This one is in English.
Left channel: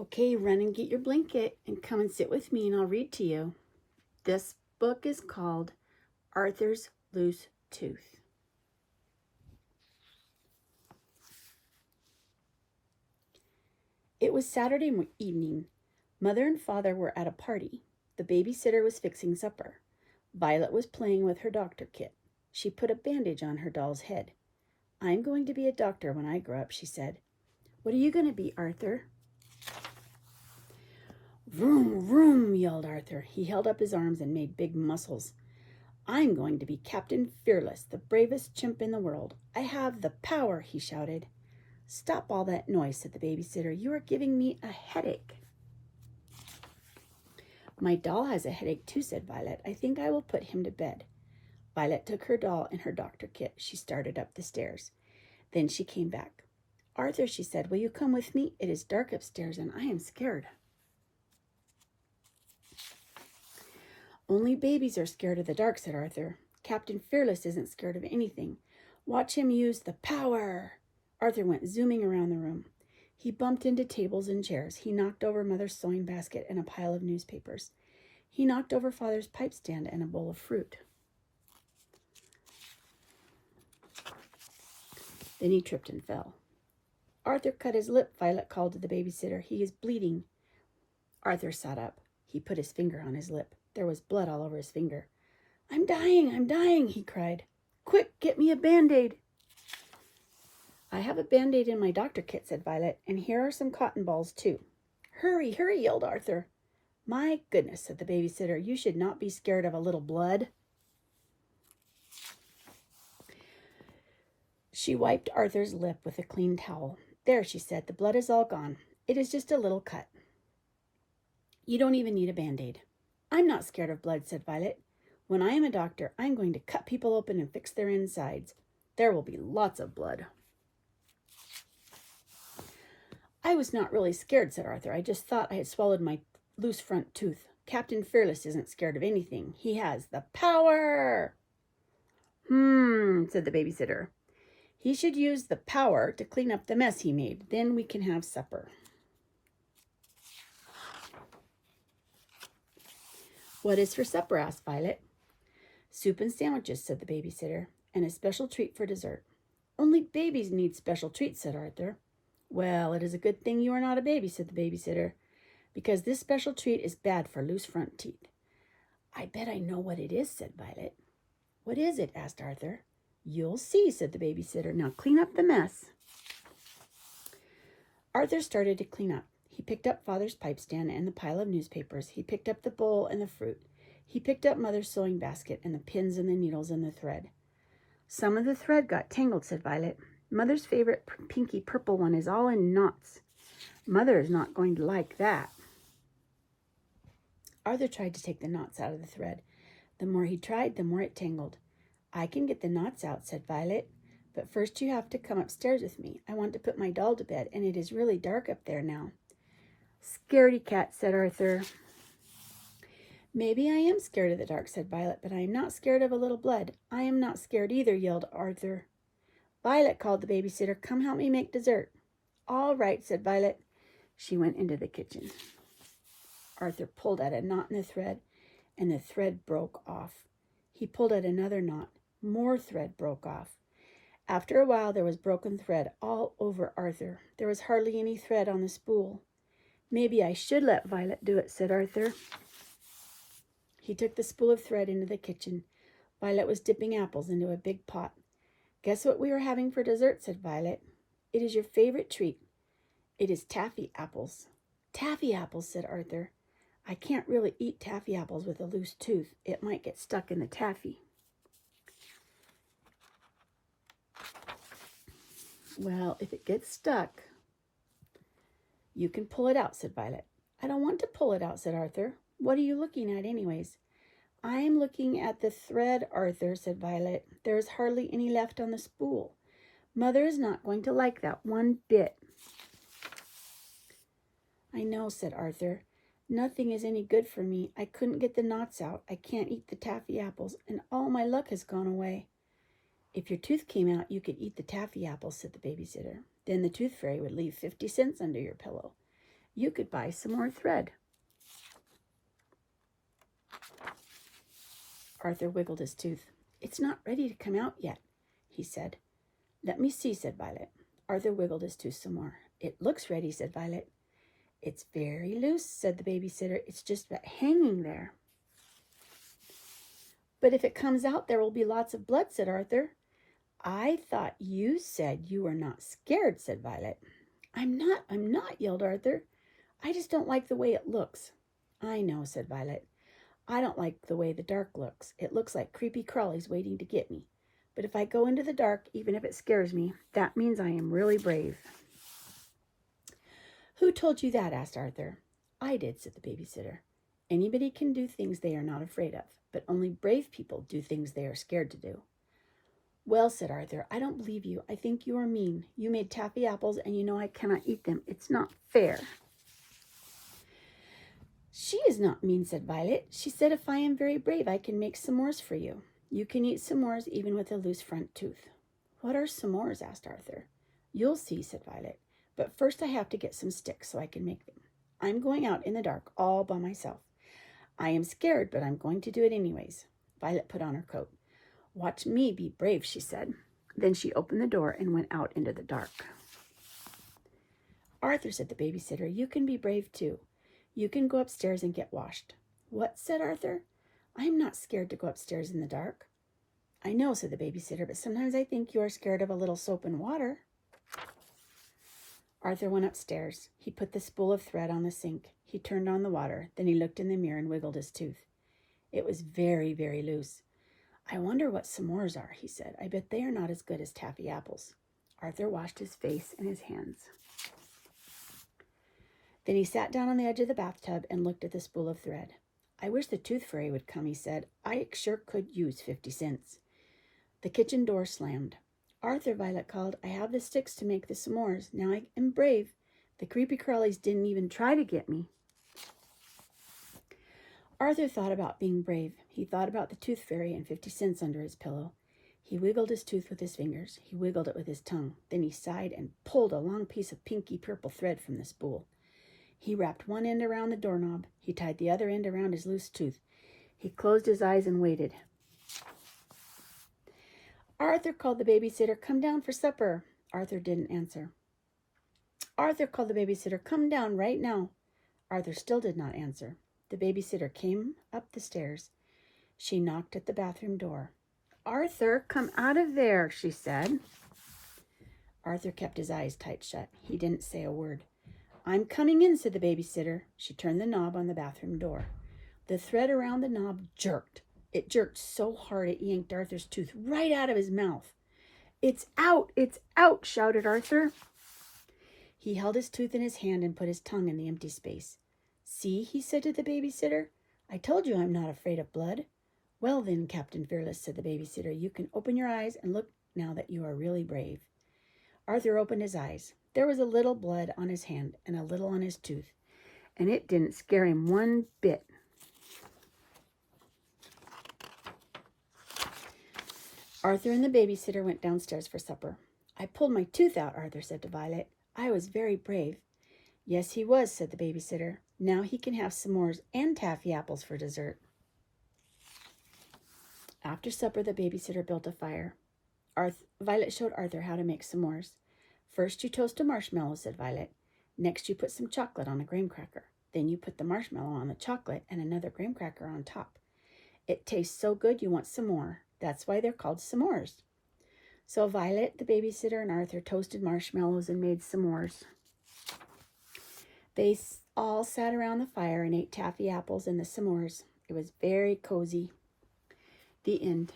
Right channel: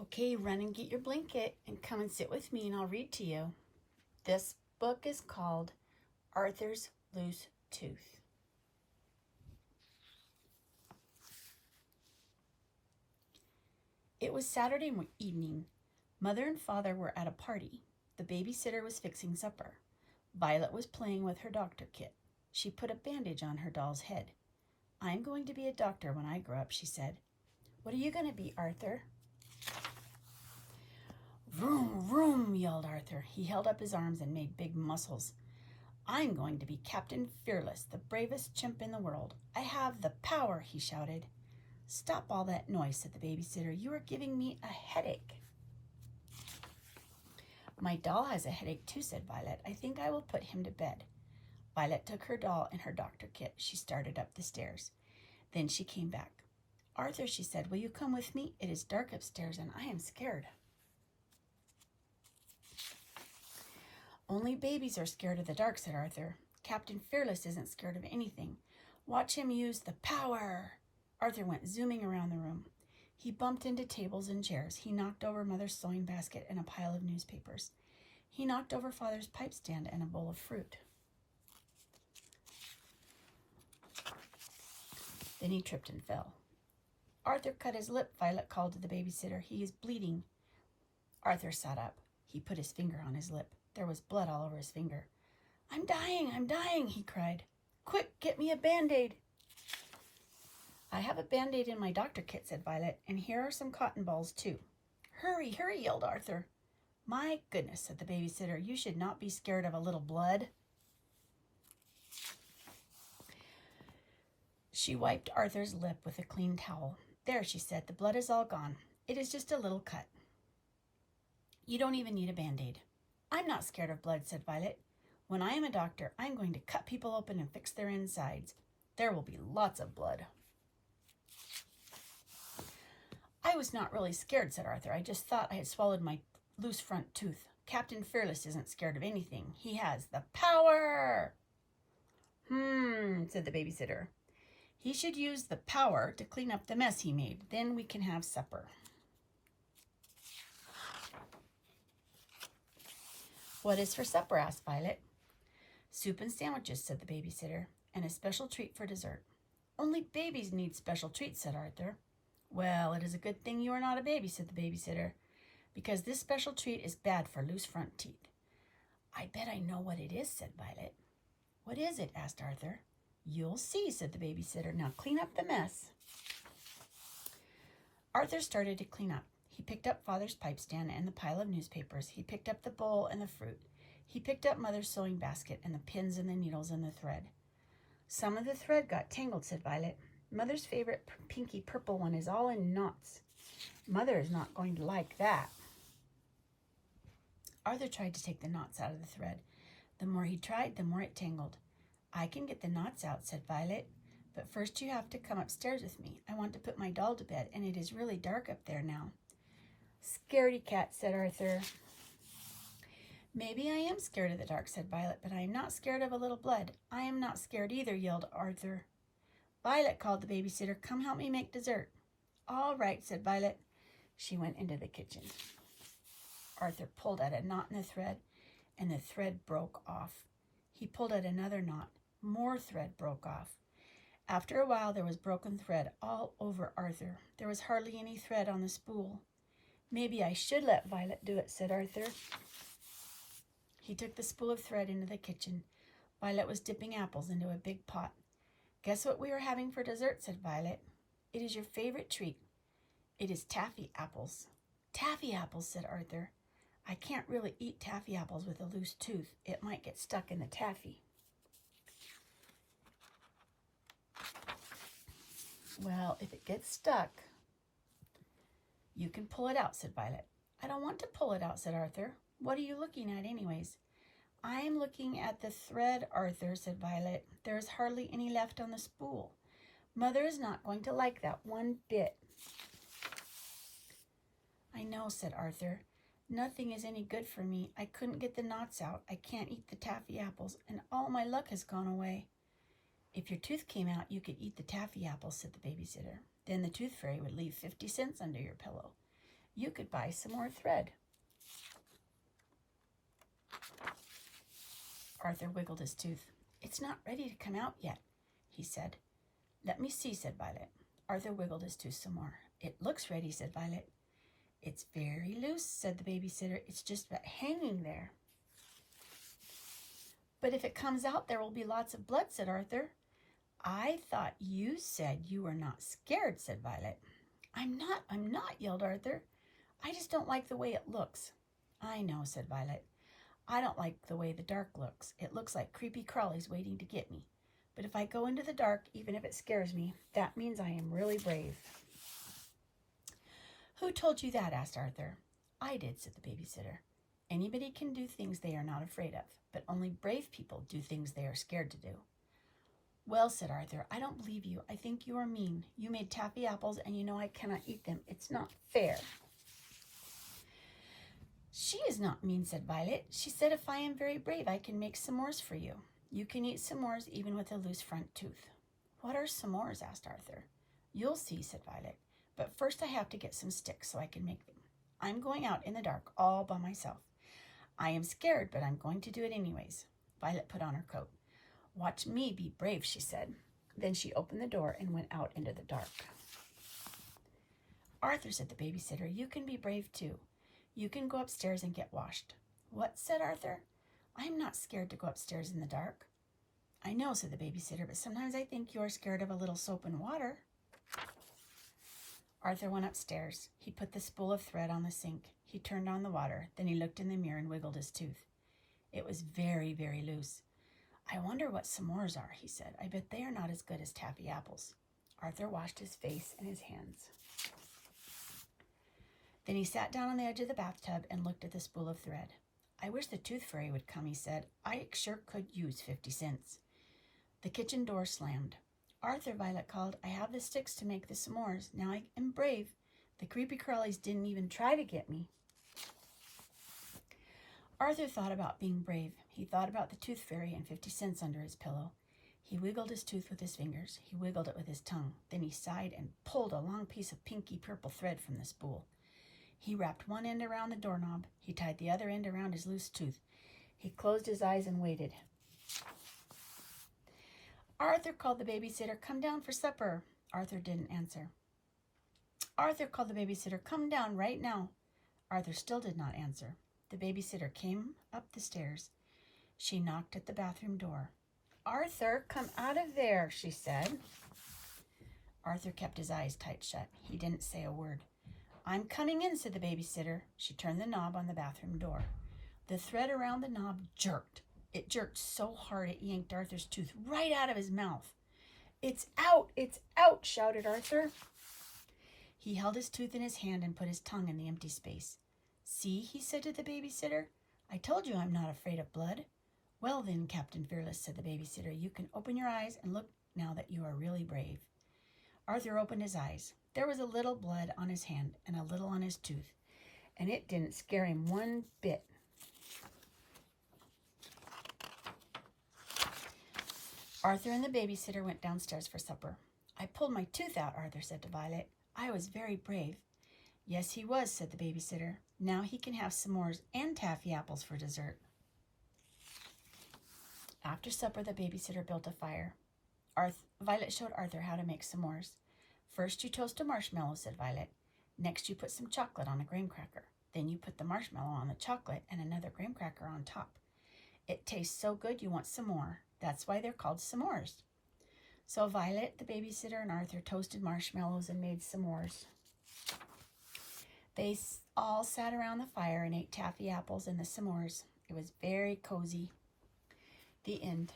Okay, run and get your blanket and come and sit with me and I'll read to you. This book is called Arthur's Loose Tooth. It was Saturday evening. Mother and Father were at a party. The babysitter was fixing supper. Violet was playing with her doctor kit. She put a bandage on her doll's head. "I'm going to be a doctor when I grow up," she said. "What are you going to be, Arthur?" "Vroom, vroom," yelled Arthur. He held up his arms and made big muscles. "I'm going to be Captain Fearless, the bravest chimp in the world. I have the power," he shouted. "Stop all that noise," said the babysitter. "You are giving me a headache." "My doll has a headache too," said Violet. "I think I will put him to bed." Violet took her doll and her doctor kit. She started up the stairs. Then she came back. "Arthur," she said, "will you come with me? It is dark upstairs and I am scared." "Only babies are scared of the dark," said Arthur. "Captain Fearless isn't scared of anything. Watch him use the power." Arthur went zooming around the room. He bumped into tables and chairs. He knocked over Mother's sewing basket and a pile of newspapers. He knocked over Father's pipe stand and a bowl of fruit. Then he tripped and fell. "Arthur cut his lip," Violet called to the babysitter. "He is bleeding." Arthur sat up. He put his finger on his lip. There was blood all over his finger. I'm dying," he cried. "Quick, get me a Band-Aid." "I have a Band-Aid in my doctor kit," said Violet, "and here are some cotton balls, too." "Hurry, hurry," yelled Arthur. "My goodness," said the babysitter, "you should not be scared of a little blood." She wiped Arthur's lip with a clean towel. "There," she said, "the blood is all gone. It is just a little cut. You don't even need a Band-Aid." "I'm not scared of blood," said Violet. "When I am a doctor, I'm going to cut people open and fix their insides. There will be lots of blood." "I was not really scared," said Arthur. "I just thought I had swallowed my loose front tooth. Captain Fearless isn't scared of anything. He has the power." Said the babysitter. "He should use the power to clean up the mess he made. Then we can have supper." "What is for supper?" asked Violet. "Soup and sandwiches," said the babysitter, "and a special treat for dessert." "Only babies need special treats," said Arthur. "Well, it is a good thing you are not a baby," said the babysitter, "because this special treat is bad for loose front teeth." "I bet I know what it is," said Violet. "What is it?" asked Arthur. "You'll see," said the babysitter. "Now clean up the mess." Arthur started to clean up. He picked up Father's pipe stand and the pile of newspapers. He picked up the bowl and the fruit. He picked up Mother's sewing basket and the pins and the needles and the thread. "Some of the thread got tangled," said Violet. "Mother's favorite pinky purple one is all in knots. Mother is not going to like that." Arthur tried to take the knots out of the thread. The more he tried, the more it tangled. "I can get the knots out," said Violet, "but first you have to come upstairs with me. I want to put my doll to bed, and it is really dark up there now." "Scaredy cat," said Arthur. "Maybe I am scared of the dark," said Violet, "but I am not scared of a little blood." "I am not scared either," yelled Arthur. "Violet," called the babysitter, "come help me make dessert." "All right," said Violet. She went into the kitchen. Arthur pulled at a knot in the thread, and the thread broke off. He pulled at another knot. More thread broke off. After a while, there was broken thread all over Arthur. There was hardly any thread on the spool. "Maybe I should let Violet do it," said Arthur. He took the spool of thread into the kitchen. Violet was dipping apples into a big pot. "Guess what we are having for dessert?" said Violet. "It is your favorite treat. It is taffy apples." "Taffy apples," said Arthur. "I can't really eat taffy apples with a loose tooth. It might get stuck in the taffy." "Well, if it gets stuck, you can pull it out," said Violet. "I don't want to pull it out," said Arthur. "What are you looking at anyways?" "I am looking at the thread, Arthur," said Violet. "There is hardly any left on the spool. Mother is not going to like that one bit." "I know," said Arthur. "Nothing is any good for me. I couldn't get the knots out. I can't eat the taffy apples, and all my luck has gone away." "If your tooth came out, you could eat the taffy apples," said the babysitter. "Then the tooth fairy would leave 50 cents under your pillow. You could buy some more thread. Arthur wiggled his tooth. It's not ready to come out yet, he said. Let me see, said Violet. Arthur wiggled his tooth some more. It looks ready, said Violet. It's very loose, said the babysitter. It's just hanging there. But if it comes out, there will be lots of blood, said Arthur. I thought you said you were not scared, said Violet. I'm not, yelled Arthur. I just don't like the way it looks. I know, said Violet. I don't like the way the dark looks. It looks like creepy crawlies waiting to get me. But if I go into the dark, even if it scares me, that means I am really brave. Who told you that? Asked Arthur. I did, said the babysitter. Anybody can do things they are not afraid of, but only brave people do things they are scared to do. Well, said Arthur, I don't believe you. I think you are mean. You made taffy apples, and you know I cannot eat them. It's not fair. She is not mean, said Violet. She said if I am very brave, I can make s'mores for you. You can eat s'mores even with a loose front tooth. What are s'mores? Asked Arthur. You'll see, said Violet. But first I have to get some sticks so I can make them. I'm going out in the dark all by myself. I am scared, but I'm going to do it anyways. Violet put on her coat. Watch me be brave, she said. Then she opened the door and went out into the dark. Arthur, said the babysitter, you can be brave too. You can go upstairs and get washed. What? Said Arthur. I'm not scared to go upstairs in the dark. I know, said the babysitter, but sometimes I think you are scared of a little soap and water. Arthur went upstairs. He put the spool of thread on the sink. He turned on the water. Then he looked in the mirror and wiggled his tooth. It was very, very loose. I wonder what s'mores are, he said. I bet they are not as good as taffy apples. Arthur washed his face and his hands. Then he sat down on the edge of the bathtub and looked at the spool of thread. I wish the tooth fairy would come, he said. I sure could use 50 cents. The kitchen door slammed. Arthur, Violet called, I have the sticks to make the s'mores. Now I am brave. The creepy crawlies didn't even try to get me. Arthur thought about being brave. He thought about the tooth fairy and 50 cents under his pillow. He wiggled his tooth with his fingers. He wiggled it with his tongue. Then he sighed and pulled a long piece of pinky purple thread from the spool. He wrapped one end around the doorknob. He tied the other end around his loose tooth. He closed his eyes and waited. Arthur, called the babysitter, come down for supper. Arthur didn't answer. Arthur, called the babysitter, come down right now. Arthur still did not answer. The babysitter came up the stairs. She knocked at the bathroom door. Arthur, come out of there, she said. Arthur kept his eyes tight shut. He didn't say a word. I'm coming in, said the babysitter. She turned the knob on the bathroom door. The thread around the knob jerked. It jerked so hard it yanked Arthur's tooth right out of his mouth. It's out, shouted Arthur. He held his tooth in his hand and put his tongue in the empty space. See, he said to the babysitter, I told you I'm not afraid of blood. Well then, Captain Fearless, said the babysitter, you can open your eyes and look now that you are really brave. Arthur opened his eyes. There was a little blood on his hand and a little on his tooth, and it didn't scare him one bit. Arthur and the babysitter went downstairs for supper. I pulled my tooth out, Arthur said to Violet. I was very brave. Yes, he was, said the babysitter. Now he can have s'mores and taffy apples for dessert. After supper, the babysitter built a fire. Violet showed Arthur how to make s'mores. First, you toast a marshmallow, said Violet. Next, you put some chocolate on a graham cracker. Then you put the marshmallow on the chocolate and another graham cracker on top. It tastes so good you want some more. That's why they're called s'mores. So Violet, the babysitter, and Arthur toasted marshmallows and made s'mores. They all sat around the fire and ate taffy apples and the s'mores. It was very cozy. The end.